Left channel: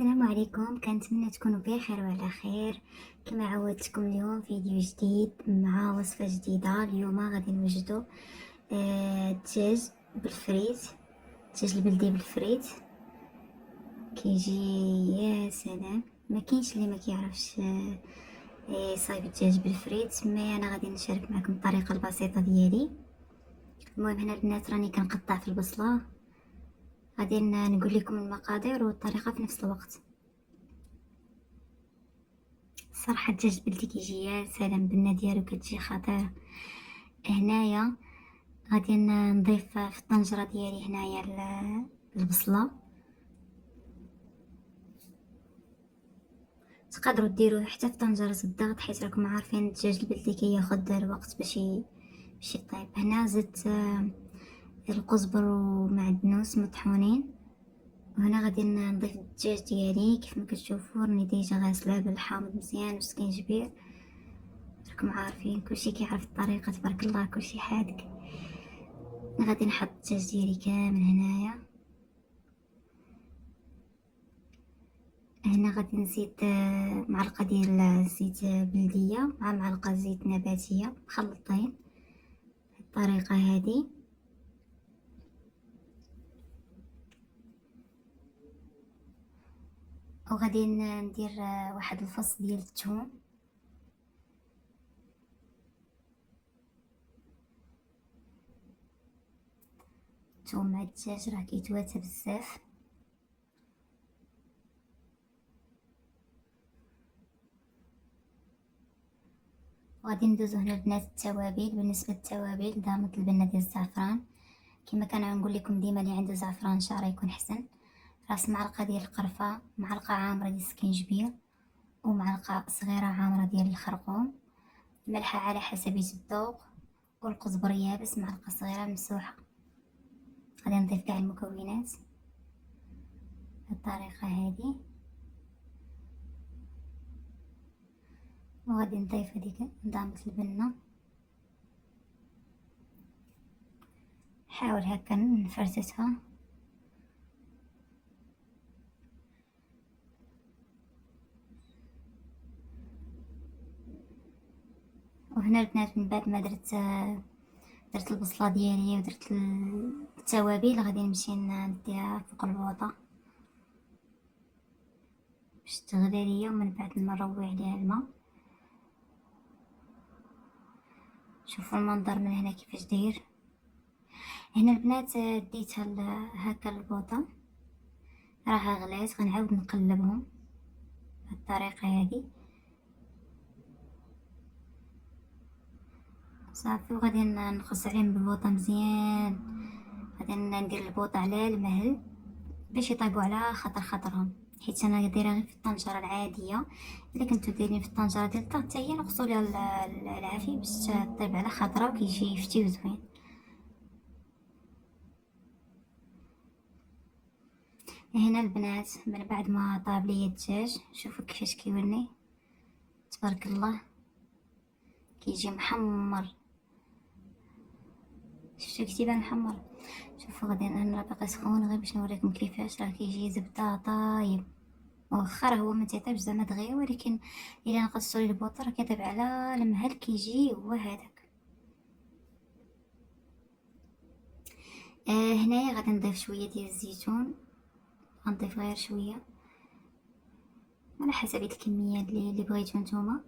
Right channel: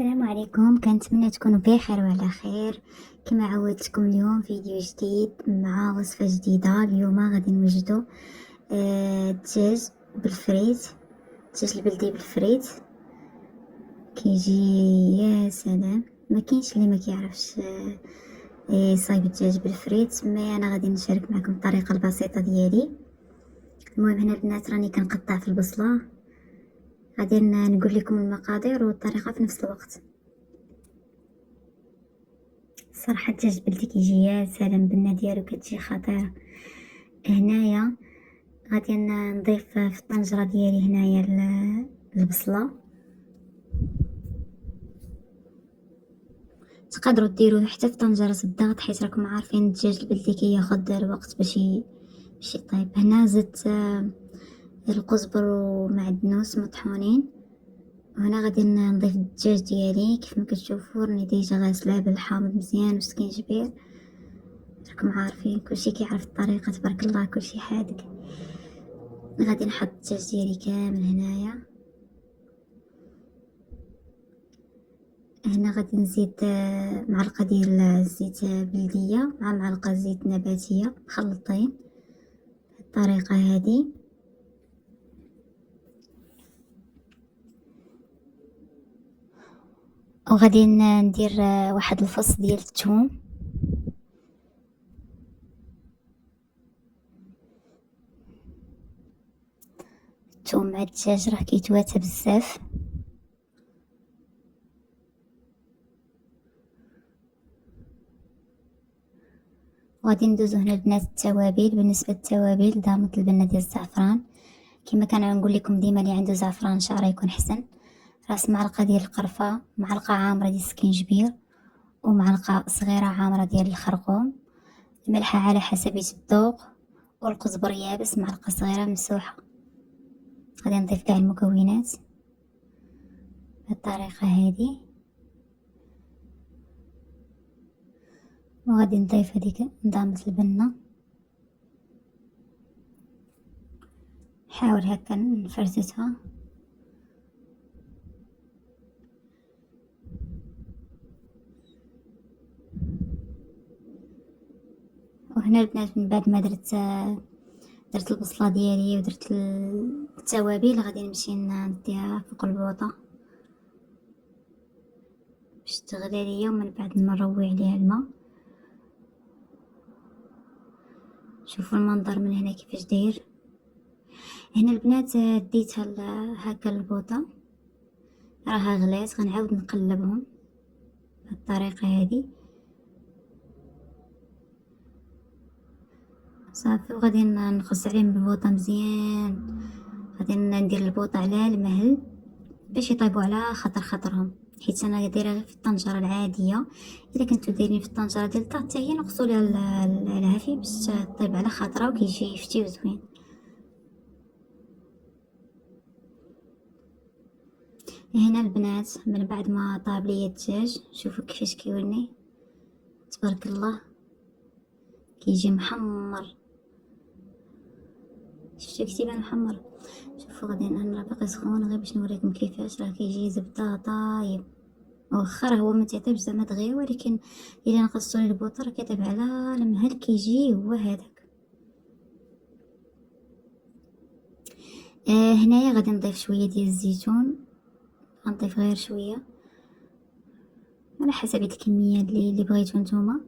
السلام عليكم، كنتمنى تكونوا بخير وعلى خير. كما عودتكم اليوم فيديو جديد مع وصفة جديدة. اليوم غادي نوجدوا الدجاج بالفريت، الدجاج البلدي بالفريت كيجي يا سلام. ما كاينش اللي ما كيعرفش يصايب الدجاج بالفريت. ما انا غادي نشارك معكم الطريقه البسيطه ديالي. المهم هنا البنات راني كنقطع في البصله، غادي نقول لكم المقادير والطريقه في نفس الوقت. صراحه الدجاج بلدي كيجي يا سلام، البنه ديالو كتجي خطيره. هنايا غادي نضيف في الطنجره ديالي هنايا البصله. تقدروا ديروا حتى في طنجره الضغط، حيت راكم عارفين الدجاج البلدي كياخذ الوقت باش يطيب. هنا زدت القزبر ومعدنوس مطحونين. وهنا غادي نضيف الدجاج ديالي. كيف ما كتشوفوا راني ديجا غاسلاه بالحامض مزيان وسكينجبير. راكم عارفين كلشي كيعرف الطريقه، تبارك الله كلشي حادق. غادي نحط الدجاج ديالي كامل هنايا. هنا غادي نزيد معلقه ديال الزيت بلديه مع معلقه زيت نباتيه مخلطين بالطريقه هذه. وغادي ندير واحد الفص ديال الثوم. الثوم مع الدجاج راه كيتواتى بزاف. وغادي ندوزو هنا البنات التوابل. بالنسبه للتوابل ضامت البنه ديال الزعفران، كما كنقول لكم ديما اللي عنده زعفران شعره يكون حسن. راس معلقه ديال القرفه، معلقه عامره ديال السكينجبير، ومعلقه صغيره عامره ديال الخرقوم. الملح على حسب الذوق، والقزبر يابس معلقه صغيره ممسوحه. غادي نضيف كاع المكونات بالطريقه هذه. وغادي نضيف هذيك نضامة البنه. نحاول هكا نفرتتها. وهنا البنات من بعد ما درت البصله ديالي ودرت التوابل، غادي نمشي نديها فوق البوطه باش تغلي ليا، ومن بعد نروي عليها الماء. شوفوا المنظر من هنا كيفاش داير. هنا البنات ديتها هكا البوطه راها غلات، غنعاود نقلبهم بالطريقه هذه صافي. وغادي نخص عليهم بالبوطه مزيان. غادي ندير البوطه على المهل باش يطيبوا على خطرهم، حيت انا دايره غير في الطنجره العاديه. الا كنتو دايرين في الطنجره ديال الضغط حتى هي نقصوا ليها العافيه باش طيب على خاطرها وكيجي فتي وزوين. هنا البنات من بعد ما طاب ليا الدجاج، شوفوا كيفاش كيورني، تبارك الله كيجي محمر. شفتوا كتيبان محمر. شوفوا غادي انا باقي سخون غير باش نوريكم كيفاش راه كيجي زبده طايب. واخا هو ما تعطيبش زعما دغيا، ولكن الا نقصتو ليه البوطه راه كيطيب على المهل كيجي هو هذاك. هنايا غادي نضيف شويه ديال الزيتون، غنضيف غير شويه على حسب الكميه اللي بغيتو نتوما.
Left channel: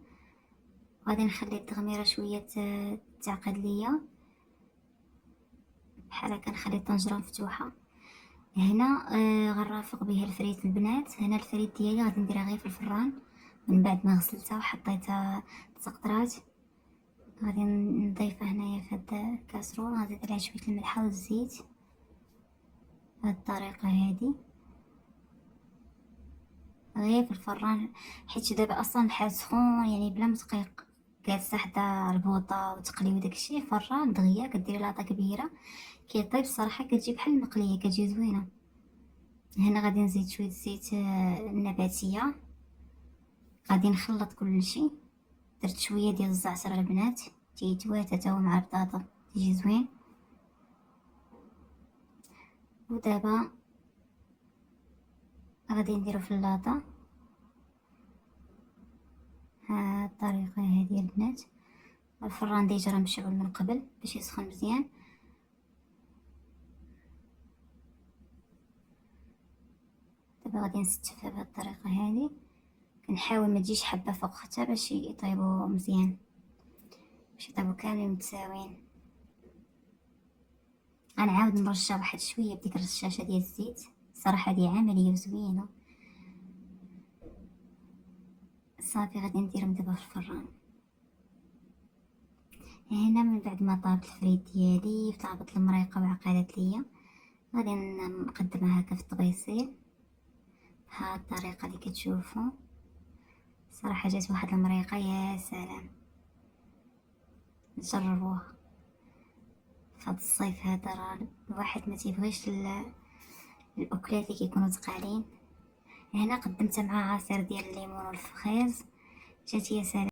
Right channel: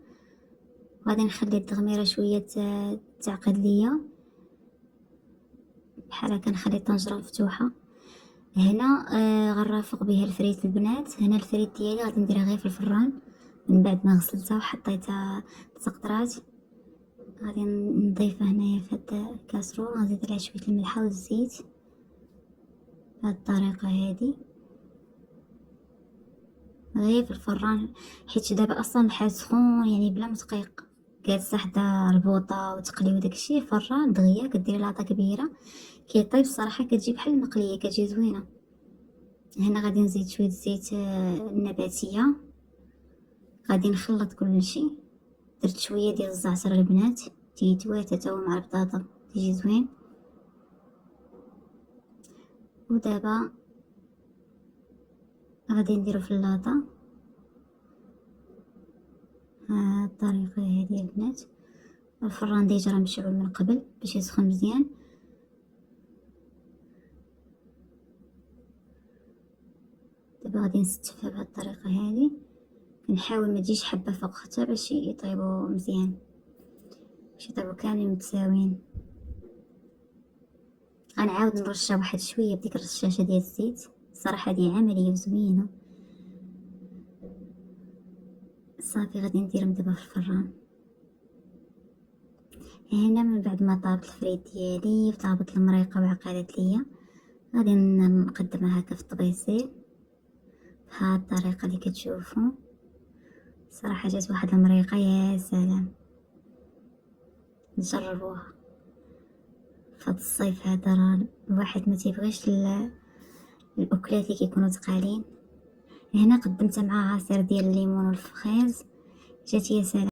غادي نخلي التغميره شويه تعقد ليا بحال هكا، نخلي الطنجره مفتوحه. هنا غنرافق بها الفريت البنات. هنا الفريت ديالي غادي نديرها غير في الفران من بعد ما غسلتها وحطيتها تقطرات. غادي نضيفها هنايا في هاد الكاسرول، غنزيد عليها شويه الملح والزيت بهاد الطريقه هادي غير في الفران، حيت دابا اصلا الحال سخون يعني بلا ما دقيق جالسه حدا البوطه وتقلي وداكشي. فران دغيا كديري لاطه كبيره كيطيب الصراحه، كتجي بحال المقليه، كتجي زوينه. هنا غادي نزيد شويه زيت نباتيه. غادي نخلط كلشي. درت شويه ديال الزعتر البنات تيتواتى تا هو مع البطاطا تيجي زوين. ودابا غادي نديرو في اللاطه ها الطريقه هذه البنات. الفران ديجا راه مشعول من قبل باش يسخن مزيان. دابا غادي نستفها بهذه الطريقه هذه، كنحاول ما تجيش حبه فوق اختها باش يطيبوا مزيان، باش يطيبوا كاملين متساويين. غنعاود نرشها واحد شويه بديك الرشاشه ديال الزيت، الصراحه هذه عمليه وزوينه. صافي غادي نديرهم دابا في الفران. هنا من بعد ما طابت الفريت ديالي وطابت المريقه وعقلت ليا، غادي نقدمها هكا في الطبيصيل بهاد الطريقه اللي كتشوفوا. صراحه جات واحد المريقه يا سلام، نجربوها فهاد الصيف هذا. راه الواحد ما تيبغيش الاكلات اللي كيكونوا ثقالين. هنا قدمتها مع عصير ديال الليمون والفخيز، جات يا سلام.